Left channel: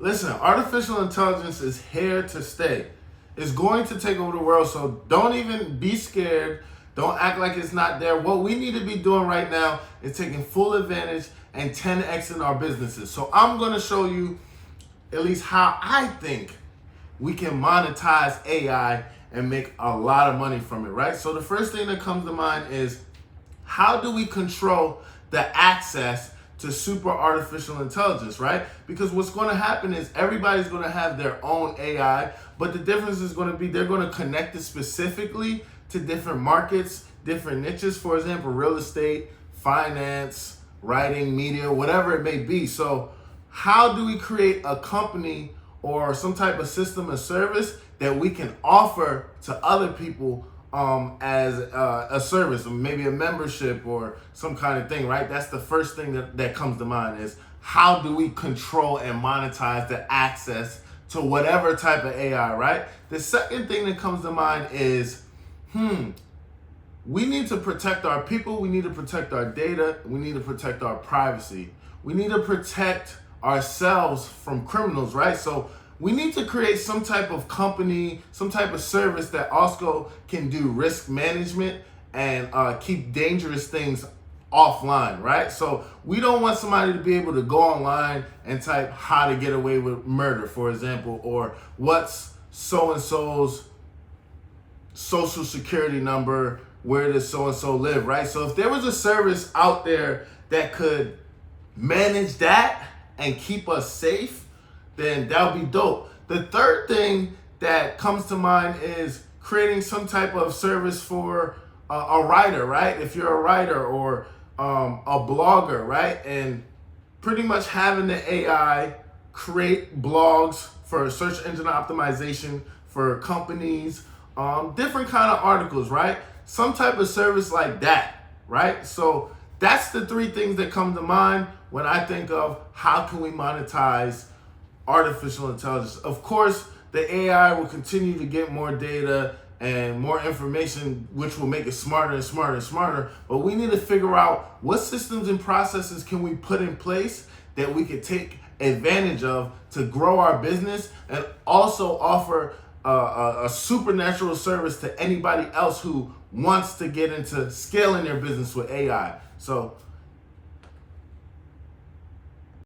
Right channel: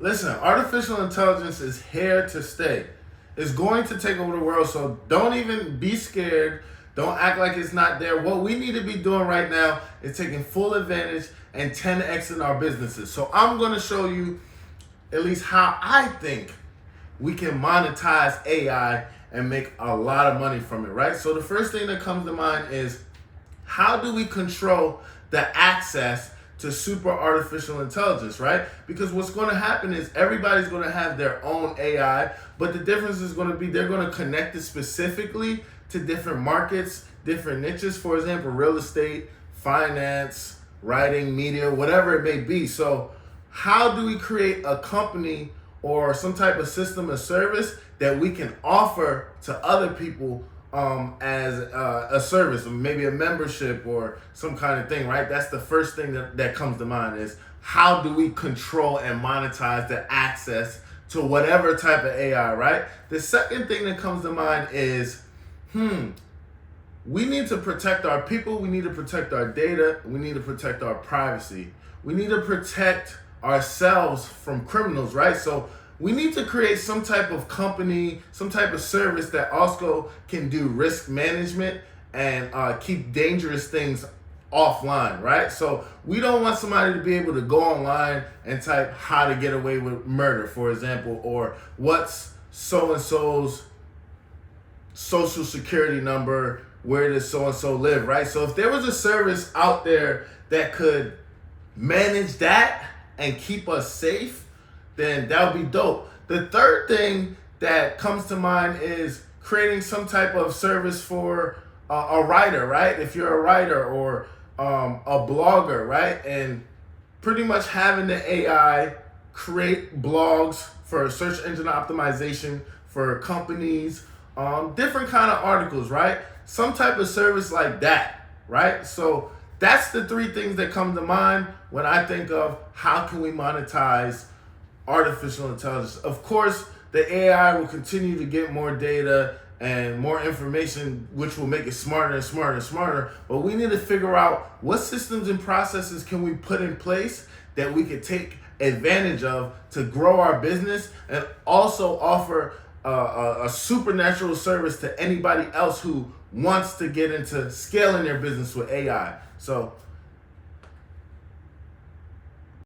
Listen, artificial intelligence is here to stay. It's going to take over the world, so don't even be scared. Don't act like it's not there. What we need to be doing right now is taking full advantage and 10x in our businesses. So I'm going to show you at least how I think we can monetize AI and make a lot of money from it, right? So the first thing that comes to mind is, how do we control the access to super artificial intelligence, right? Because what's going to happen is everybody's going to have their own AI, but the difference is going to be they're going to connect it specifically to different markets, different niches. For example, real estate, finance, writing, media, whatever it may be. So how do we create a company or some type of system or service that we can offer to other people as a service, or maybe a membership or some kind of thing, right? That's the first thing that comes to mind is, how do we control and monetize the access to whatever type of AI, right? The second thing that comes to mind is, we need to protect our people, we need to protect our data, we need to protect our privacy. We need to protect ourselves from criminals, right? So we need to create some type of company, some type of service that also can do risk management and keep dangerous things offline, right? So we don't want somebody to be able to go online and type how to get away with murder, for example, or what's so-and-so's social security number, where does so-and-so live, right? So if there was a service out there that could manage that and keep us safe, then that would be dope. The third thing that comes to mind is creating some type of service for a writer, right? If you're a writer or a blogger, right? And pretty much having the AI create blogs for search engine optimization for companies, different kind of articles, right? Some type of service like that, right? So that's the three things that come to mind when I think of how can we monetize artificial intelligence. Of course, the AI will continue to get more data and more information, which will make it smarter and smarter and smarter. But we need to figure out what systems and processes can we put in place that we could take advantage of to grow our business and also offer a supernatural service to anybody else who wants to get into scaling their business with AI. So